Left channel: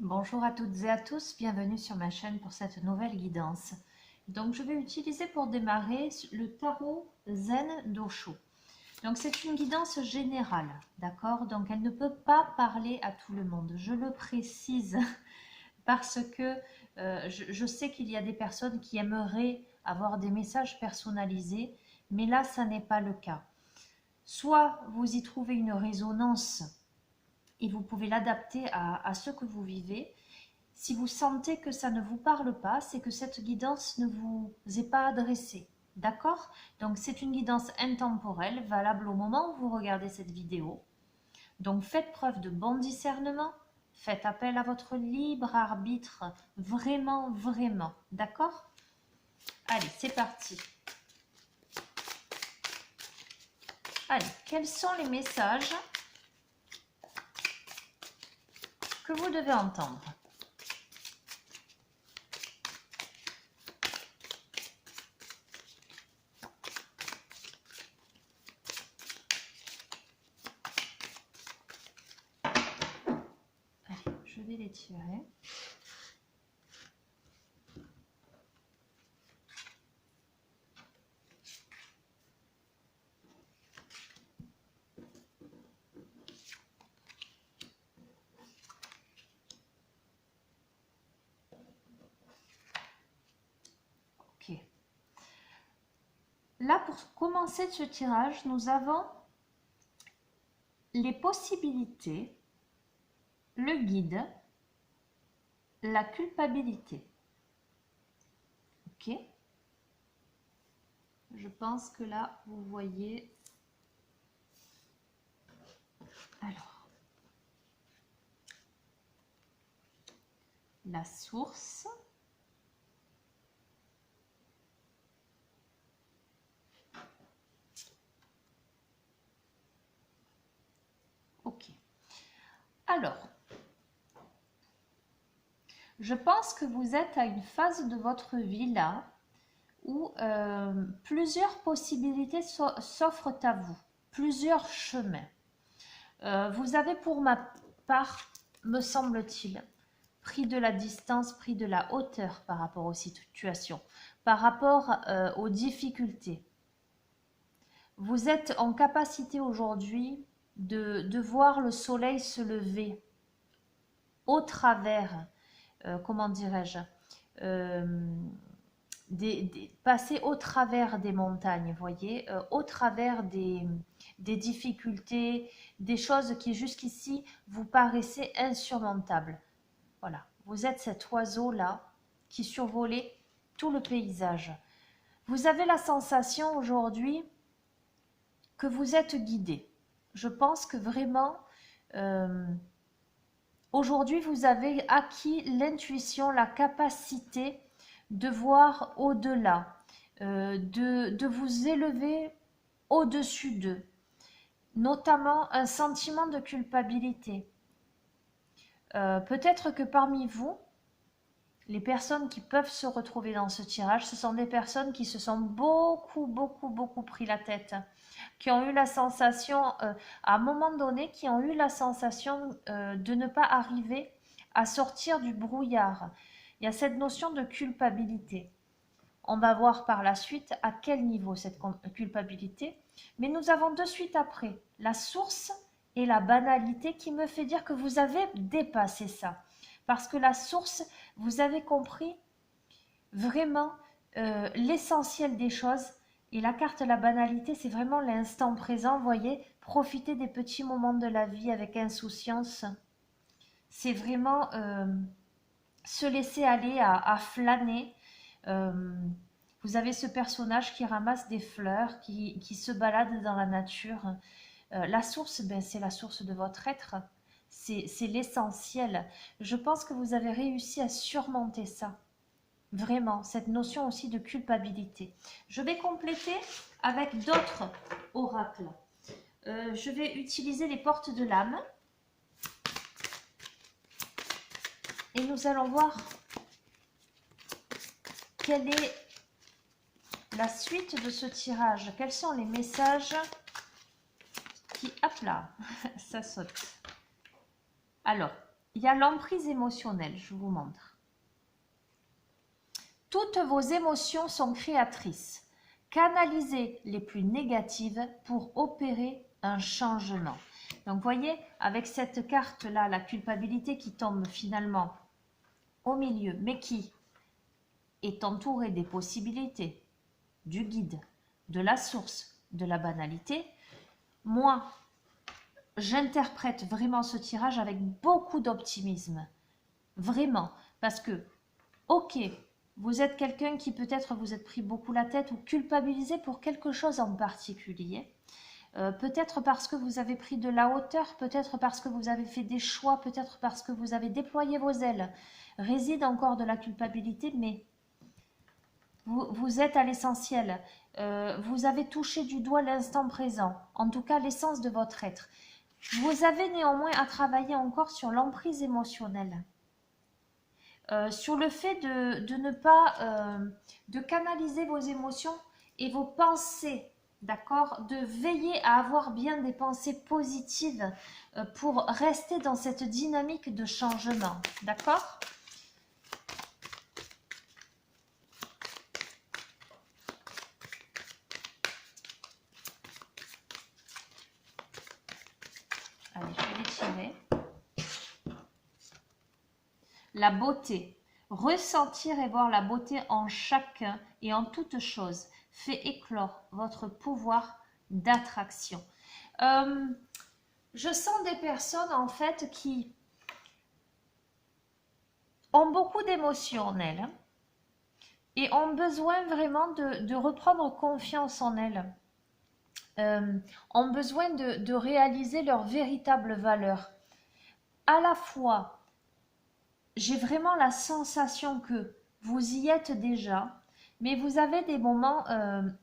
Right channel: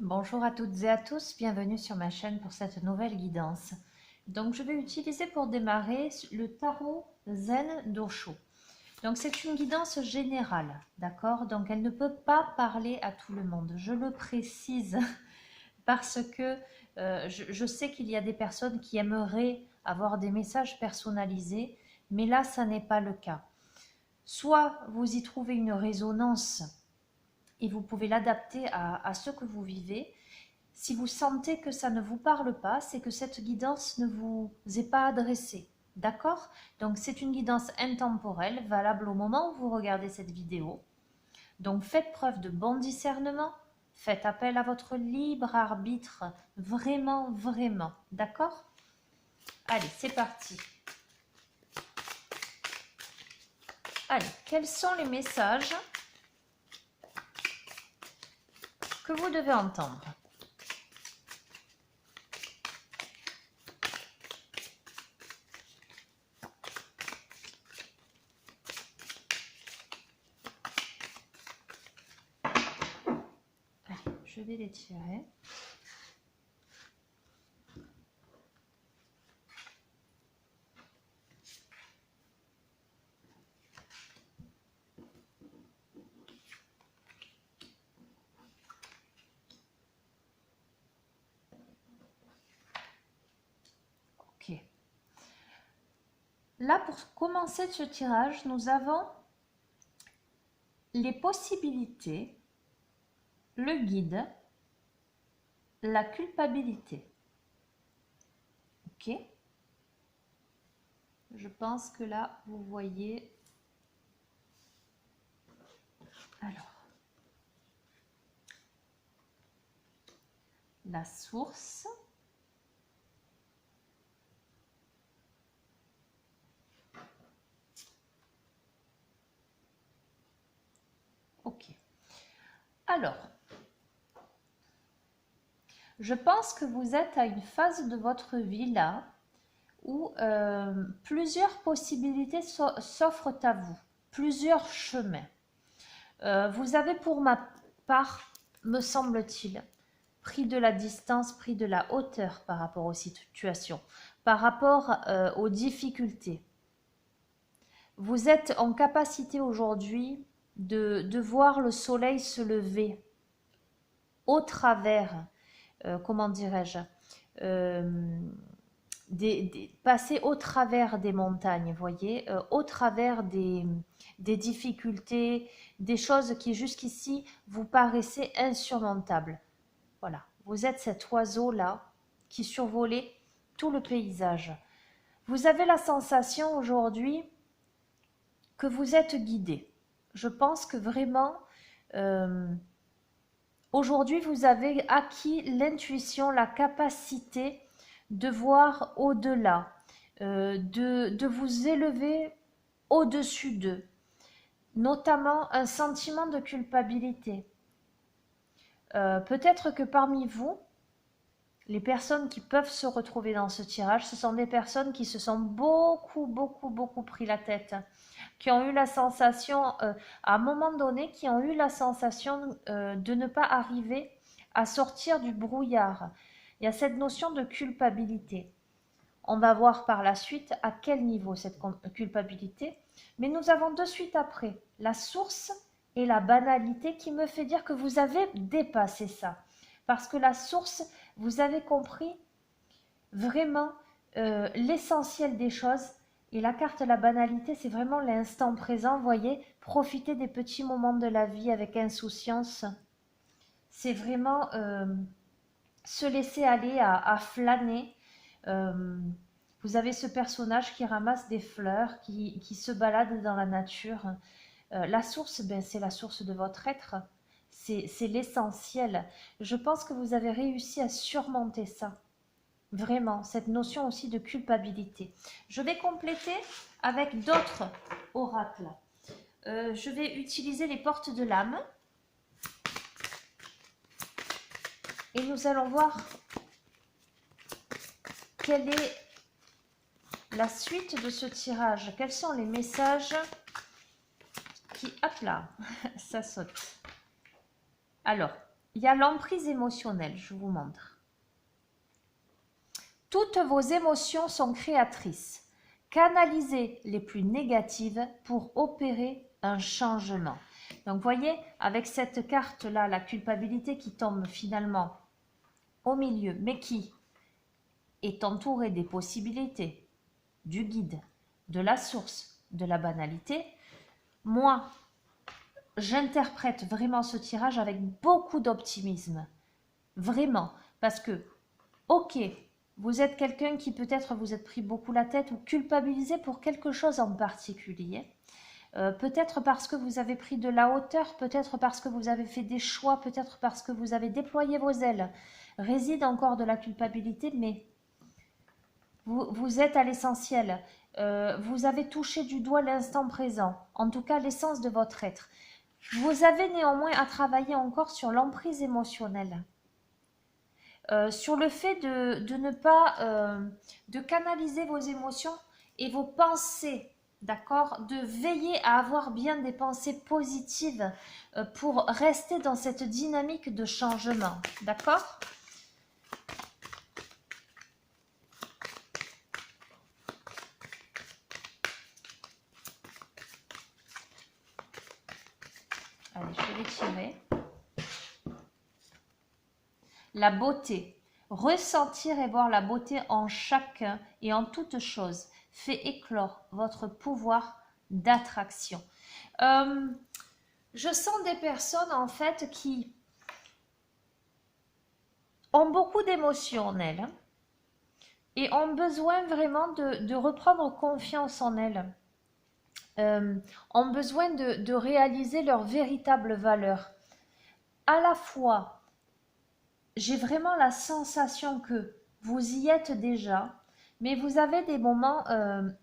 Bonjour à toutes et à tous, bienvenue sur ma chaîne pour cette nouvelle guidance. Donc je vais utiliser pour démarrer le tarot Zen d'Osho. Donc c'est une guidance générale, d'accord? Donc elle ne peut pas parler à tout le monde, je le précise parce que je sais qu'il y a des personnes qui aimeraient avoir des messages personnalisés, mais là ça n'est pas le cas. Soit vous y trouvez une résonance et vous pouvez l'adapter à ce que vous vivez. Si vous sentez que ça ne vous parle pas, c'est que cette guidance ne vous est pas adressée. D'accord? Donc c'est une guidance intemporelle, valable au moment où vous regardez cette vidéo. Donc faites preuve de bon discernement, faites appel à votre libre arbitre, vraiment, vraiment. D'accord? Allez, c'est parti. Allez, quels sont les messages que vous devez entendre? Allez, je vais les tirer. Ok. Là, pour commencer ce tirage, nous avons les possibilités, le guide, la culpabilité. Ok? Je pense que là, vous voyez. Alors, la source. Ok. Alors, je pense que vous êtes à une phase de votre vie là où plusieurs possibilités s'offrent à vous, plusieurs chemins. Vous avez pour ma part, me semble-t-il, pris de la distance, pris de la hauteur par rapport aux situations, par rapport aux difficultés. Vous êtes en capacité aujourd'hui de voir le soleil se lever au travers, comment dirais-je, euh, passer au travers des montagnes, voyez, au travers des difficultés, des choses qui jusqu'ici vous paraissaient insurmontables. Voilà, vous êtes cet oiseau-là qui survolait tout le paysage. Vous avez la sensation aujourd'hui que vous êtes guidé. Je pense que vraiment, euh, aujourd'hui, vous avez acquis l'intuition, la capacité de voir au-delà, de vous élever au-dessus d'eux, notamment un sentiment de culpabilité. Peut-être que parmi vous, les personnes qui peuvent se retrouver dans ce tirage, ce sont des personnes qui se sont beaucoup pris la tête, qui ont eu la sensation, à un moment donné, qui ont eu la sensation de ne pas arriver à sortir du brouillard. Il y a cette notion de culpabilité. On va voir par la suite à quel niveau cette culpabilité. Mais nous avons de suite après la source et la banalité qui me fait dire que vous avez dépassé ça. Parce que la source, vous avez compris vraiment l'essentiel des choses. Et la carte la banalité, c'est vraiment l'instant présent. Vous voyez, profiter des petits moments de la vie avec insouciance. C'est vraiment se laisser aller à flâner. Euh, vous avez ce personnage qui ramasse des fleurs, qui se balade dans la nature. La source, ben, c'est la source de votre être. C'est l'essentiel. Je pense que vous avez réussi à surmonter ça. Vraiment, cette notion aussi de culpabilité. Je vais compléter avec d'autres oracles. Je vais utiliser les portes de l'âme. Et nous allons voir quelle est la suite de ce tirage. Quels sont les messages qui... Hop là, ça saute. Alors, il y a l'emprise émotionnelle, je vous montre. Toutes vos émotions sont créatrices. Canalisez les plus négatives pour opérer un changement. Donc, vous voyez, avec cette carte-là, la culpabilité qui tombe finalement au milieu, mais qui est entourée des possibilités, du guide, de la source, de la banalité. Moi, j'interprète vraiment ce tirage avec beaucoup d'optimisme. Vraiment. Parce que, ok, vous êtes quelqu'un qui peut-être vous êtes pris beaucoup la tête ou culpabilisé pour quelque chose en particulier. Peut-être parce que vous avez pris de la hauteur, peut-être parce que vous avez fait des choix, peut-être parce que vous avez déployé vos ailes. Réside encore de la culpabilité, mais vous êtes à l'essentiel. Vous avez touché du doigt l'instant présent, en tout cas l'essence de votre être. Vous avez néanmoins à travailler encore sur l'emprise émotionnelle. Sur le fait de ne pas de canaliser vos émotions et vos pensées, d'accord, de veiller à avoir bien des pensées positives pour rester dans cette dynamique de changement, d'accord. Allez, je vais les tirer. La beauté. Ressentir et voir la beauté en chacun et en toute chose fait éclore votre pouvoir d'attraction. Je sens des personnes en fait qui ont beaucoup d'émotions en elles et ont besoin vraiment de reprendre confiance en elles. Ont besoin de réaliser leur véritable valeur. À la fois, j'ai vraiment la sensation que vous y êtes déjà, mais vous avez des moments,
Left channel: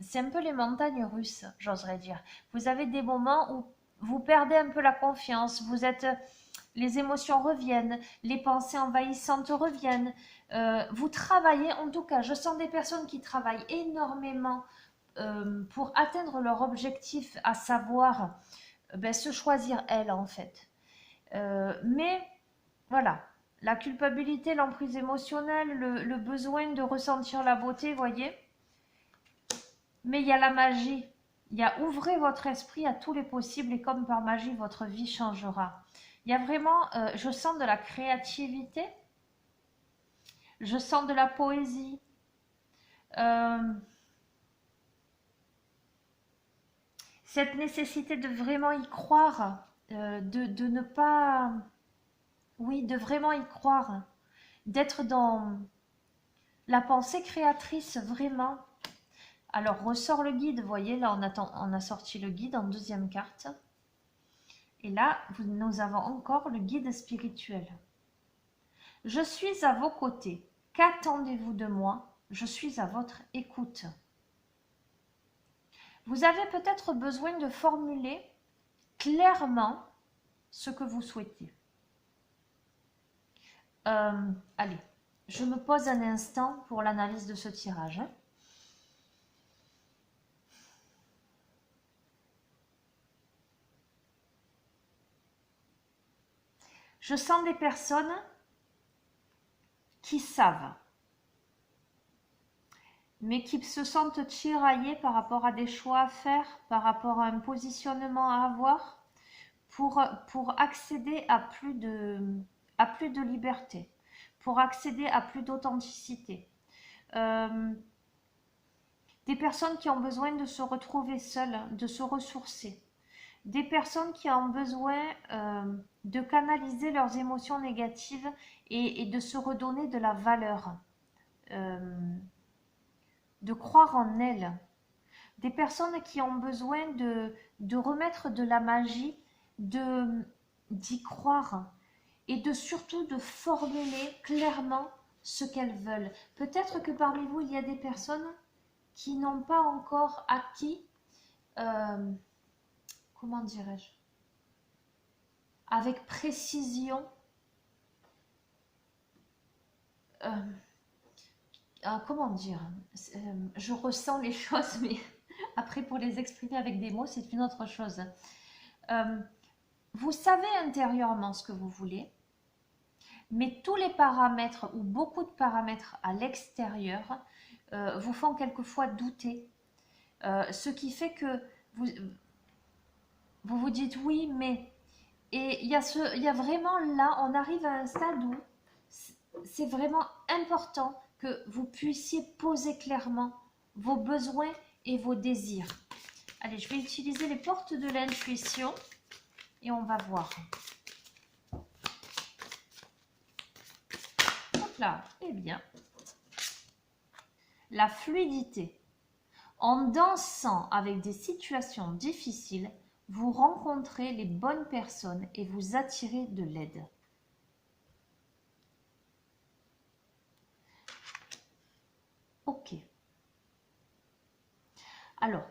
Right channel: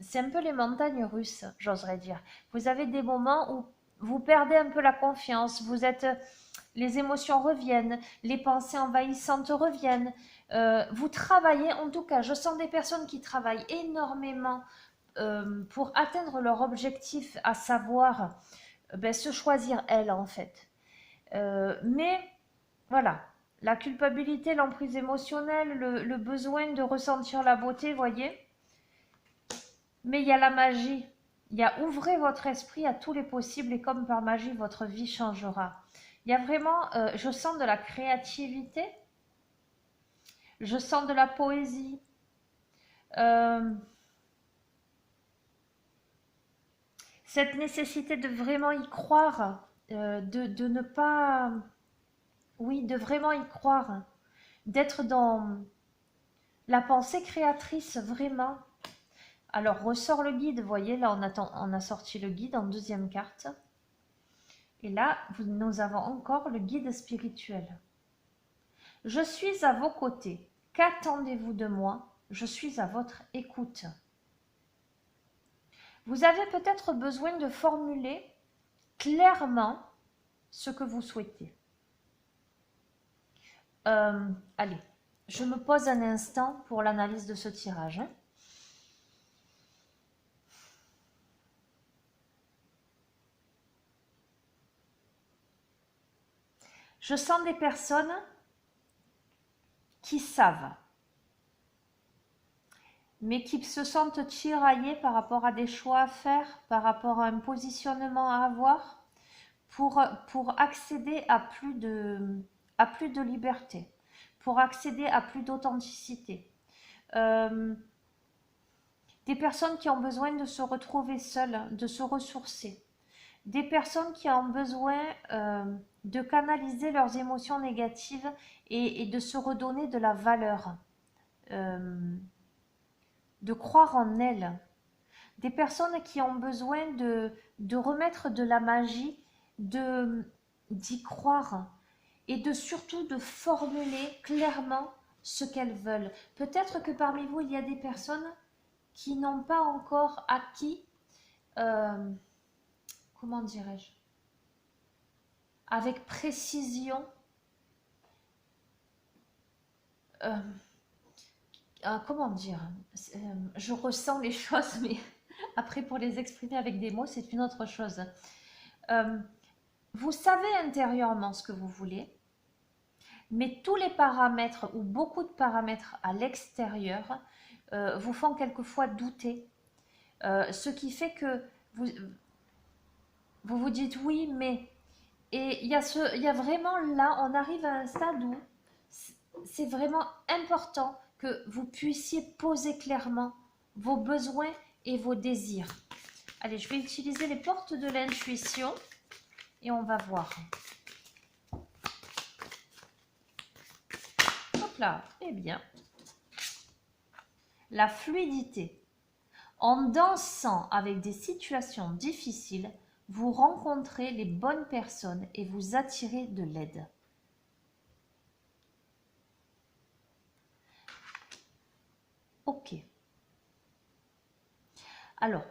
c'est un peu les montagnes russes, j'oserais dire. Vous avez des moments où vous perdez un peu la confiance, les émotions reviennent, les pensées envahissantes reviennent. Vous travaillez, en tout cas, je sens des personnes qui travaillent énormément pour atteindre leur objectif, à savoir se choisir elles en fait. Mais voilà, la culpabilité, l'emprise émotionnelle, le besoin de ressentir la beauté, voyez. Mais il y a la magie. Il y a ouvrez votre esprit à tous les possibles et comme par magie, votre vie changera. Il y a vraiment, je sens de la créativité, je sens de la poésie. Cette nécessité de vraiment y croire, de ne pas... Oui, de vraiment y croire, d'être dans la pensée créatrice, vraiment. Alors, ressort le guide, vous voyez, là, on a sorti le guide en deuxième carte. Et là, nous avons encore le guide spirituel. Je suis à vos côtés. Qu'attendez-vous de moi? Je suis à votre écoute. Vous avez peut-être besoin de formuler clairement ce que vous souhaitez. Allez, je me pose un instant pour l'analyse de ce tirage. Je sens des personnes qui savent, mais qui se sentent tiraillées par rapport à des choix à faire, par rapport à un positionnement à avoir, pour accéder à plus de liberté, pour accéder à plus d'authenticité. Des personnes qui ont besoin de se retrouver seules, de se ressourcer. Des personnes qui ont besoin de canaliser leurs émotions négatives et de se redonner de la valeur, de croire en elles. Des personnes qui ont besoin de remettre de la magie, d'y croire et surtout de formuler clairement ce qu'elles veulent. Peut-être que parmi vous, il y a des personnes qui n'ont pas encore acquis, comment dirais-je, avec précision, comment dire, je ressens les choses, mais après pour les exprimer avec des mots, c'est une autre chose. Vous savez intérieurement ce que vous voulez, Mais tous les paramètres ou beaucoup de paramètres à l'extérieur vous font quelquefois douter. Ce qui fait que vous vous dites oui, mais... Et il y a vraiment là, on arrive à un stade où c'est vraiment important que vous puissiez poser clairement vos besoins et vos désirs. Allez, je vais utiliser les portes de l'intuition et on va voir. Hop là, eh bien, la fluidité. En dansant avec des situations difficiles, vous rencontrez les bonnes personnes et vous attirez de l'aide. Ok. Alors,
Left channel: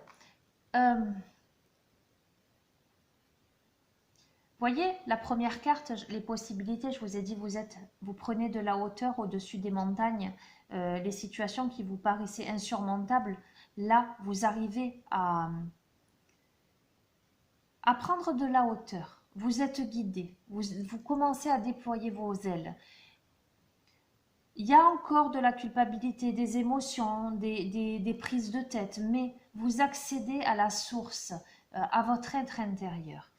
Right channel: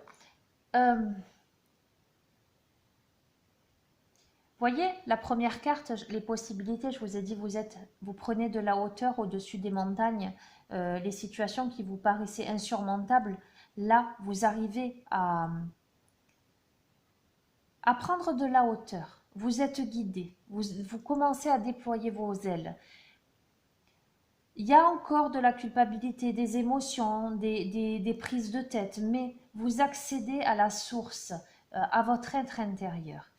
voyez, la première carte, les possibilités, je vous ai dit, vous prenez de la hauteur au-dessus des montagnes, les situations qui vous paraissaient insurmontables, là, vous arrivez à prendre de la hauteur. Vous êtes guidé, vous commencez à déployer vos ailes. Il y a encore de la culpabilité, des émotions, des prises de tête, mais vous accédez à la source, à votre être intérieur.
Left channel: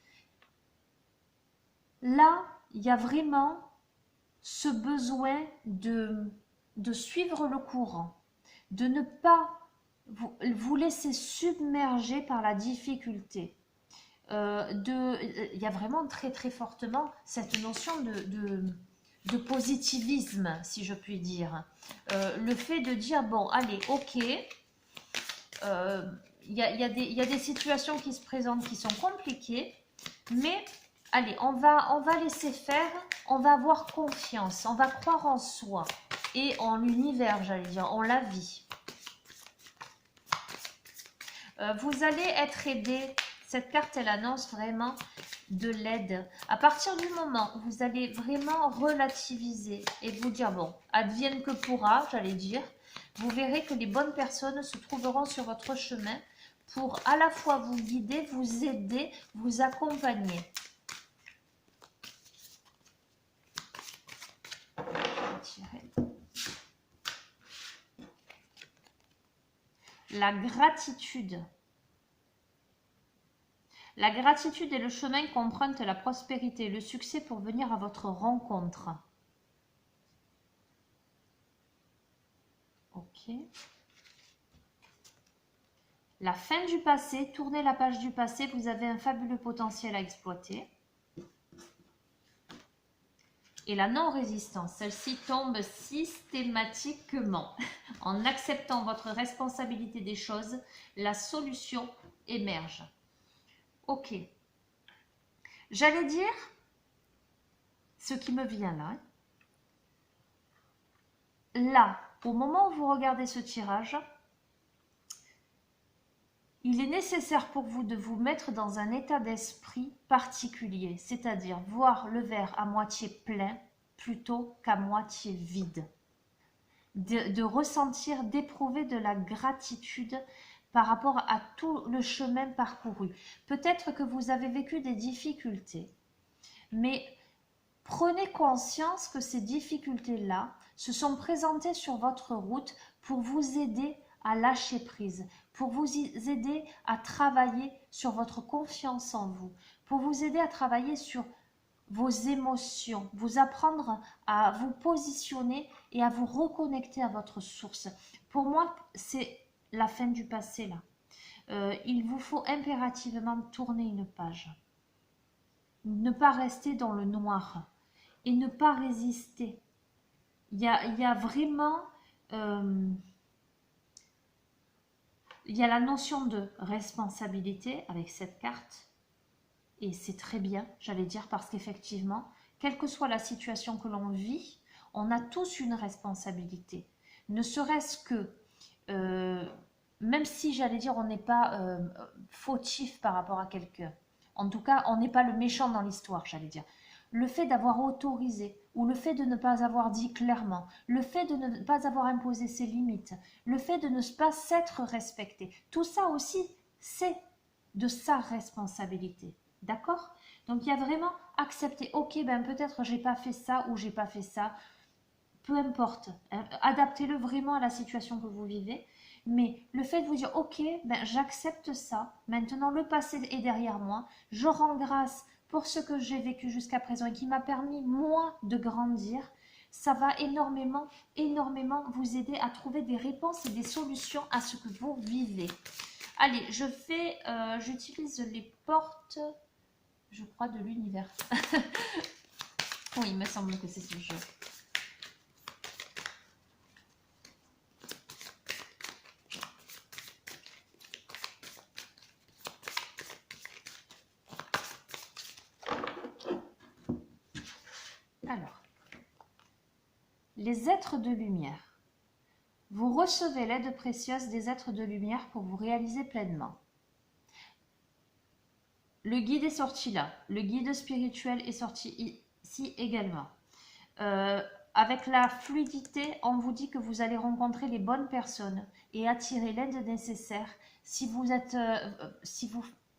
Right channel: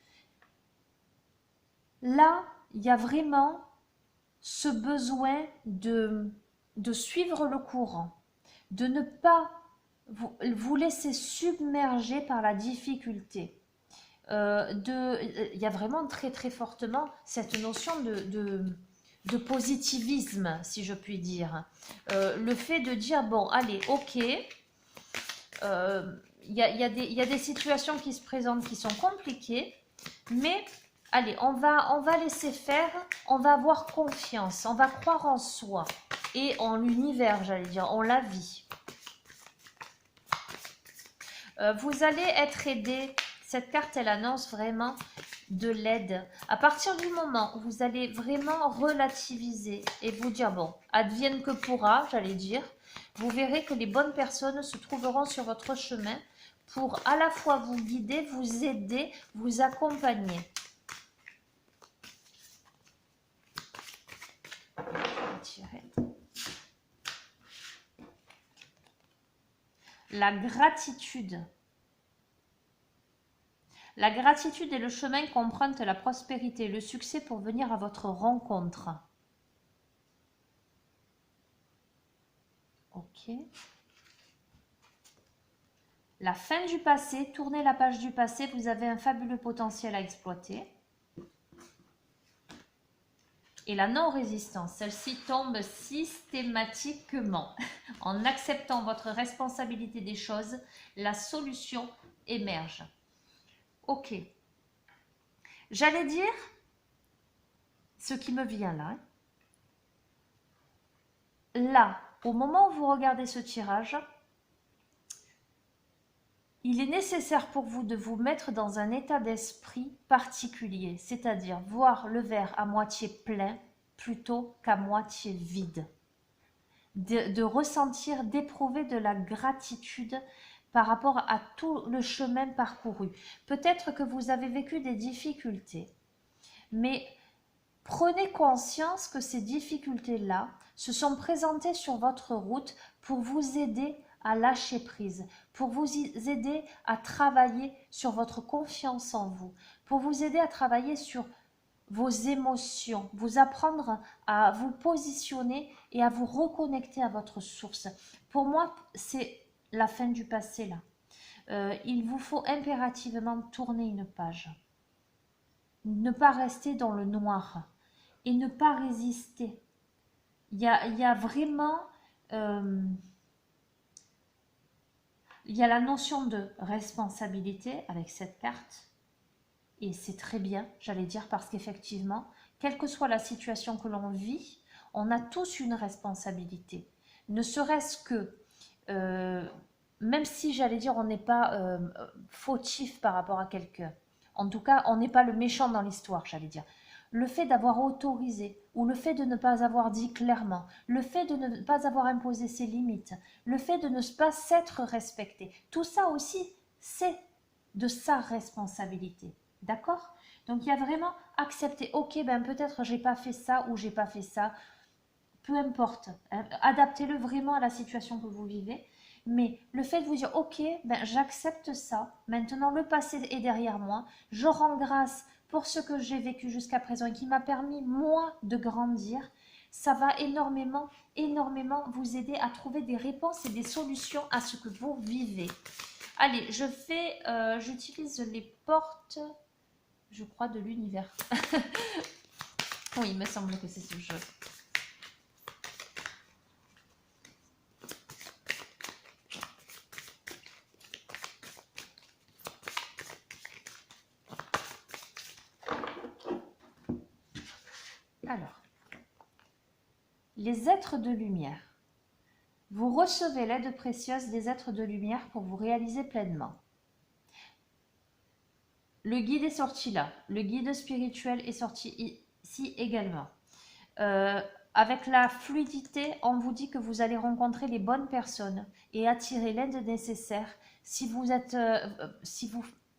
Là, il y a vraiment ce besoin de suivre le courant, de ne pas vous laisser submerger par la difficulté. Il y a vraiment très très fortement cette notion de positivisme, si je puis dire. Le fait de dire, bon, allez, ok, il y a des situations qui se présentent qui sont compliquées, mais allez, on va laisser faire, on va avoir confiance, on va croire en soi et en l'univers, j'allais dire, en la vie. Vous allez être aidé. Cette carte, elle annonce vraiment de l'aide. À partir du moment où vous allez vraiment relativiser et vous dire, bon, advienne que pourra, j'allais dire, vous verrez que les bonnes personnes se trouveront sur votre chemin pour à la fois vous guider, vous aider, vous accompagner. Je vais tirer. La gratitude. La gratitude est le chemin qu'emprunte la prospérité et le succès pour venir à votre rencontre. Ok. La fin du passé, tournez la page du passé, vous avez un fabuleux potentiel à exploiter. Et la non-résistance, celle-ci tombe systématiquement. En acceptant votre responsabilité des choses, la solution émerge. Ok. J'allais dire ce qui me vient là. Là, au moment où vous regardez ce tirage, il est nécessaire pour vous de vous mettre dans un état d'esprit particulier, c'est-à-dire voir le verre à moitié plein plutôt qu'à moitié vide. De ressentir, d'éprouver de la gratitude par rapport à tout le chemin parcouru. Peut-être que vous avez vécu des difficultés, mais prenez conscience que ces difficultés-là se sont présentées sur votre route pour vous aider à lâcher prise, pour vous aider à travailler sur votre confiance en vous, pour vous aider à travailler sur vos émotions, vous apprendre à vous positionner et à vous reconnecter à votre source. Pour moi, c'est la fin du passé là. Il vous faut impérativement tourner une page. Ne pas rester dans le noir et ne pas résister. Il y a vraiment... il y a la notion de responsabilité avec cette carte. Et c'est très bien, j'allais dire, parce qu'effectivement, quelle que soit la situation que l'on vit, on a tous une responsabilité. Ne serait-ce que, même si j'allais dire, on n'est pas fautif par rapport à quelqu'un. En tout cas, on n'est pas le méchant dans l'histoire, j'allais dire. Le fait d'avoir autorisé, ou le fait de ne pas avoir dit clairement, le fait de ne pas avoir imposé ses limites, le fait de ne pas s'être respecté, tout ça aussi, c'est de sa responsabilité. D'accord? Donc il y a vraiment accepter, ok, ben peut-être j'ai pas fait ça ou j'ai pas fait ça, peu importe, hein, adaptez-le vraiment à la situation que vous vivez. Mais le fait de vous dire, ok, ben j'accepte ça, maintenant le passé est derrière moi, je rends grâce pour ce que j'ai vécu jusqu'à présent et qui m'a permis, moi, de grandir, ça va énormément, énormément vous aider à trouver des réponses et des solutions à ce que vous vivez. Allez, j'utilise les portes, je crois, de l'univers. Oui, il me semble que c'est ce jeu. Alors, les êtres de lumière. Vous recevez l'aide précieuse des êtres de lumière pour vous réaliser pleinement. Le guide est sorti là. Le guide spirituel est sorti ici également. Avec la fluidité, on vous dit que vous allez rencontrer les bonnes personnes et attirer l'aide nécessaire si vous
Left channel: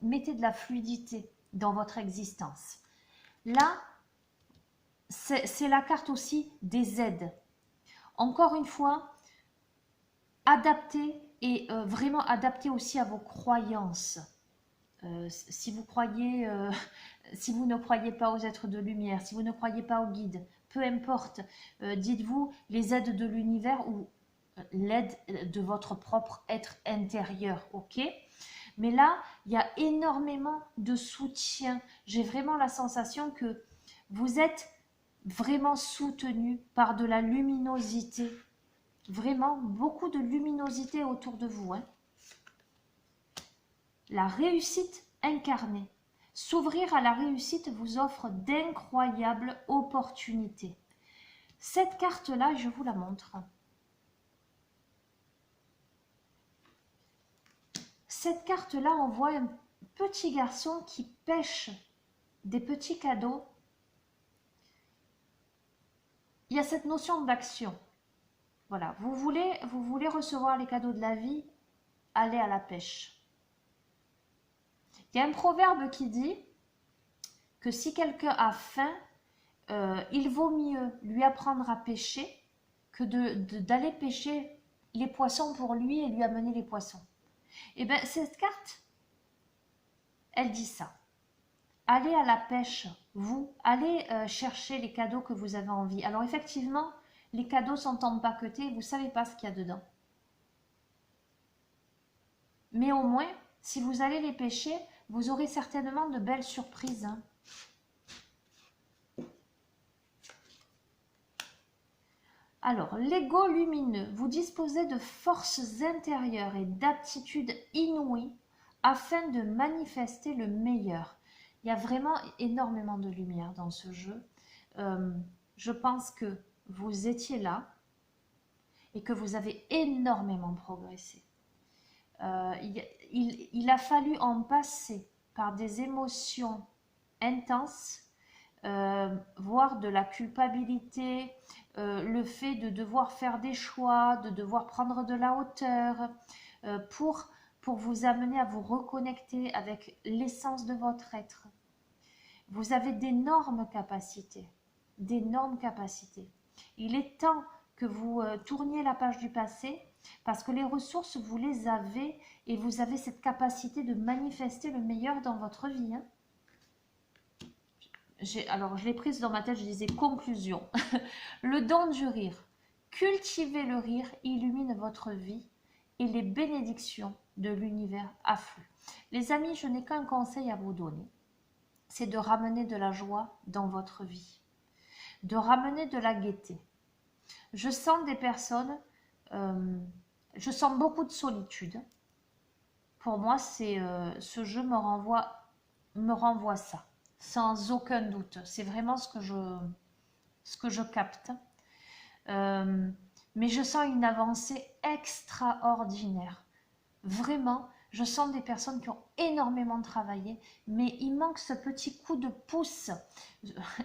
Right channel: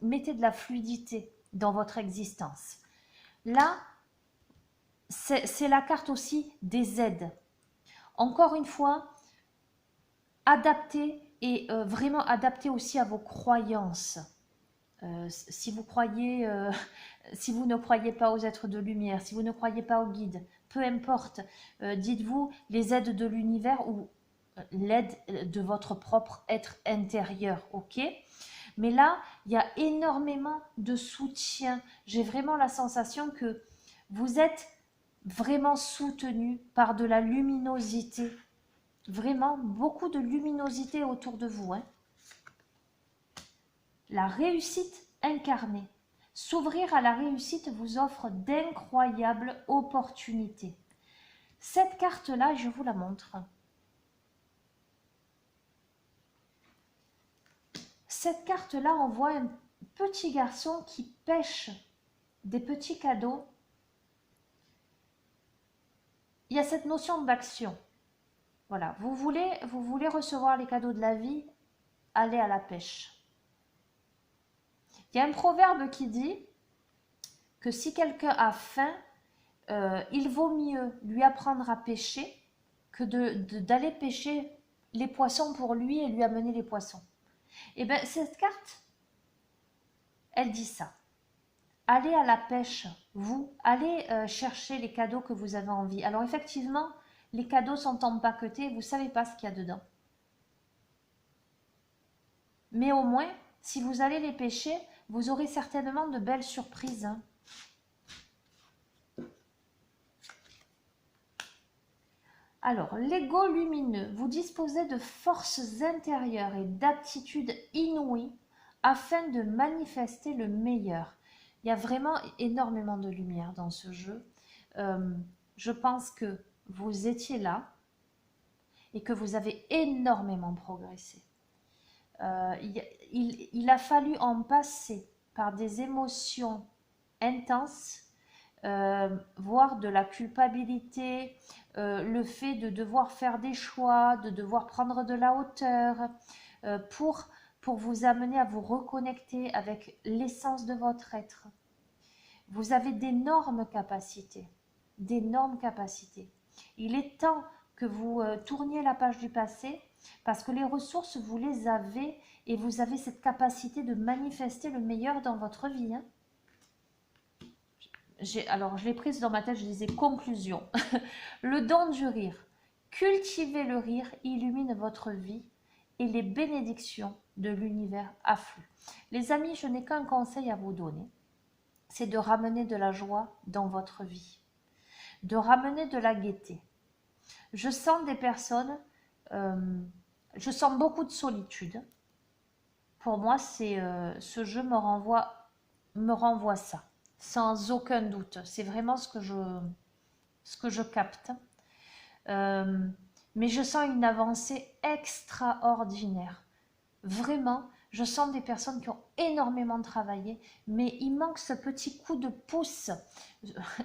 mettez de la fluidité dans votre existence. Là, c'est la carte aussi des aides. Encore une fois, adaptez et vraiment adaptez aussi à vos croyances. Si vous ne croyez pas aux êtres de lumière, si vous ne croyez pas aux guides, peu importe, dites-vous les aides de l'univers ou l'aide de votre propre être intérieur, ok? Mais là, il y a énormément de soutien. J'ai vraiment la sensation que vous êtes vraiment soutenu par de la luminosité. Vraiment beaucoup de luminosité autour de vous, hein. La réussite incarnée. S'ouvrir à la réussite vous offre d'incroyables opportunités. Cette carte-là, je vous la montre. Cette carte-là, on voit un petit garçon qui pêche des petits cadeaux. Il y a cette notion d'action. Voilà, vous voulez recevoir les cadeaux de la vie, allez à la pêche. Il y a un proverbe qui dit que si quelqu'un a faim, il vaut mieux lui apprendre à pêcher que d'aller pêcher les poissons pour lui et lui amener les poissons. Et bien, cette carte, elle dit ça. Allez à la pêche, vous, allez chercher les cadeaux que vous avez envie. Alors effectivement, les cadeaux sont empaquetés, vous ne savez pas ce qu'il y a dedans. Mais au moins, si vous allez les pêcher, vous aurez certainement de belles surprises, hein. Alors, l'ego lumineux, vous disposez de forces intérieures et d'aptitudes inouïes afin de manifester le meilleur. Il y a vraiment énormément de lumière dans ce jeu. Je pense que vous étiez là et que vous avez énormément progressé. Il a fallu en passer par des émotions intenses, voire de la culpabilité, le fait de devoir faire des choix, de devoir prendre de la hauteur, pour vous amener à vous reconnecter avec l'essence de votre être. Vous avez d'énormes capacités, d'énormes capacités. Il est temps que vous tourniez la page du passé, parce que les ressources, vous les avez, et vous avez cette capacité de manifester le meilleur dans votre vie, hein. Alors, je l'ai prise dans ma tête, je disais conclusion. Le don du rire. Cultivez le rire, illumine votre vie et les bénédictions de l'univers affluent. Les amis, je n'ai qu'un conseil à vous donner. C'est de ramener de la joie dans votre vie. De ramener de la gaieté. Je sens des personnes, je sens beaucoup de solitude. Pour moi, ce jeu me renvoie ça. Sans aucun doute. C'est vraiment ce que je capte. Mais je sens une avancée extraordinaire. Vraiment, je sens des personnes qui ont énormément travaillé, mais il manque ce petit coup de pouce,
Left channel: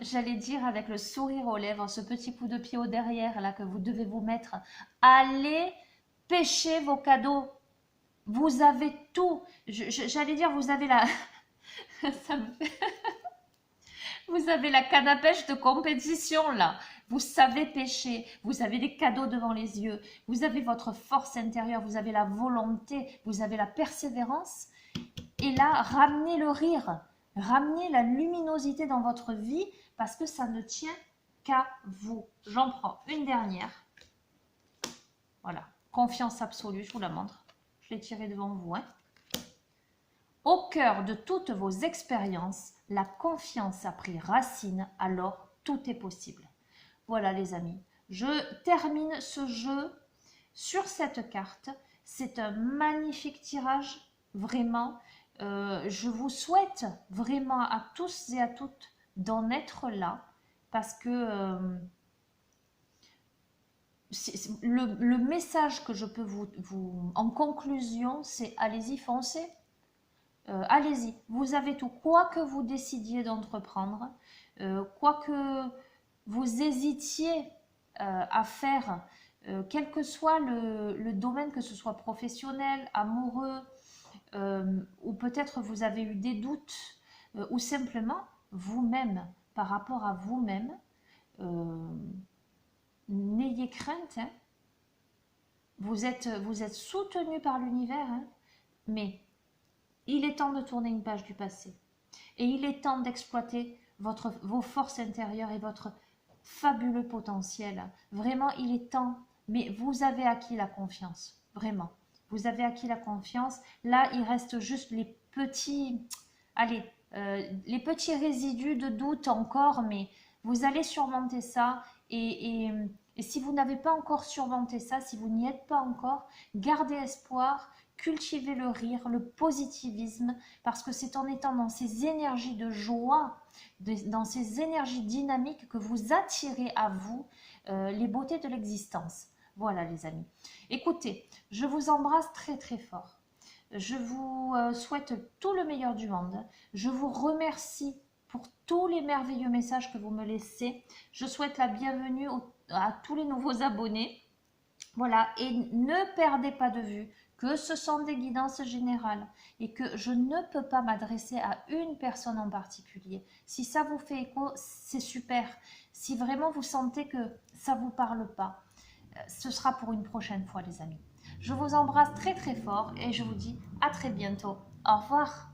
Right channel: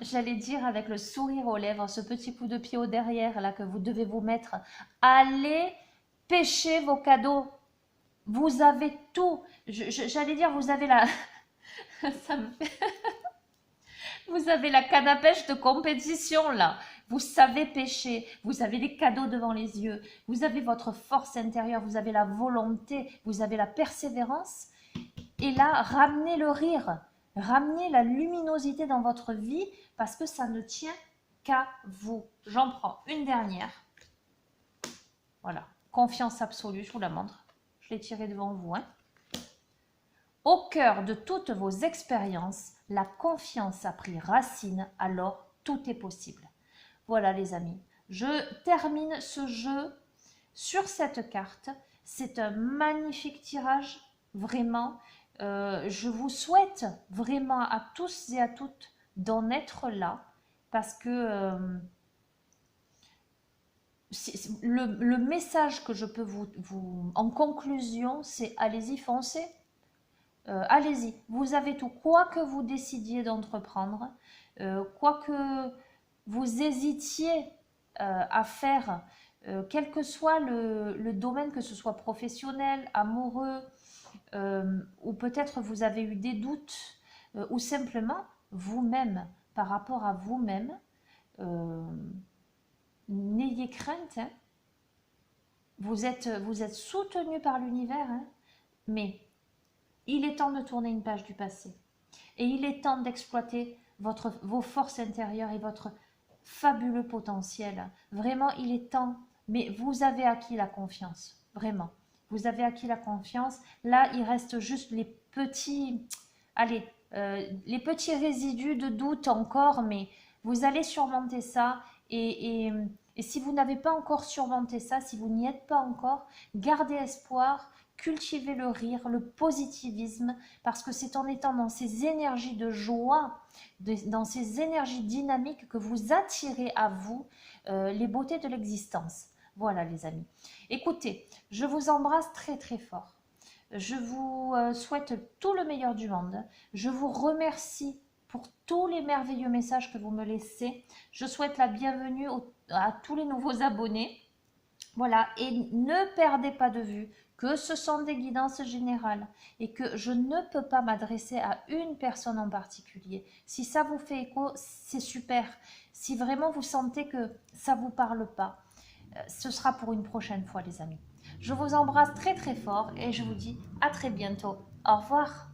j'allais dire avec le sourire aux lèvres, ce petit coup de pied au derrière là que vous devez vous mettre. Allez pêcher vos cadeaux. Vous avez tout. J'allais dire, vous avez la... Ça me fait... Vous avez la canne à pêche de compétition là. Vous savez pêcher, vous avez des cadeaux devant les yeux, vous avez votre force intérieure, vous avez la volonté, vous avez la persévérance. Et là, ramenez le rire, ramenez la luminosité dans votre vie parce que ça ne tient qu'à vous. J'en prends une dernière. Voilà, confiance absolue, je vous la montre. Je l'ai tirée devant vous. Hein. Au cœur de toutes vos expériences, la confiance a pris racine, alors tout est possible. Voilà les amis, je termine ce jeu sur cette carte. C'est un magnifique tirage, vraiment. Je vous souhaite vraiment à tous et à toutes d'en être là parce que le message que je peux vous en conclusion, c'est allez-y, foncez. Allez-y, vous avez tout. Quoi que vous décidiez d'entreprendre, quoi que vous hésitiez à faire, quel que soit le domaine, que ce soit professionnel, amoureux, ou peut-être vous avez eu des doutes, ou simplement vous-même, par rapport à vous-même, n'ayez crainte. Hein. Vous êtes soutenu par l'univers, hein, mais il est temps de tourner une page du passé. Et il est temps d'exploiter vos forces intérieures et votre fabuleux potentiel. Vraiment, il est temps. Mais vous avez acquis la confiance. Vraiment. Vous avez acquis la confiance. Là, il reste juste les petits... Allez, les petits résidus de doute encore, mais vous allez surmonter ça. Et si vous n'avez pas encore surmonté ça, si vous n'y êtes pas encore, gardez espoir. Cultivez le rire, le positivisme, parce que c'est en étant dans ces énergies de joie, dans ces énergies dynamiques que vous attirez à vous les beautés de l'existence. Voilà les amis. Écoutez, je vous embrasse très très fort. Je vous souhaite tout le meilleur du monde. Je vous remercie pour tous les merveilleux messages que vous me laissez. Je souhaite la bienvenue à tous les nouveaux abonnés. Voilà, et ne perdez pas de vue que ce sont des guidances générales et que je ne peux pas m'adresser à une personne en particulier. Si ça vous fait écho, c'est super. Si vraiment vous sentez que ça ne vous parle pas, ce sera pour une prochaine fois les amis. Je vous embrasse très très fort et je vous dis à très bientôt. Au revoir.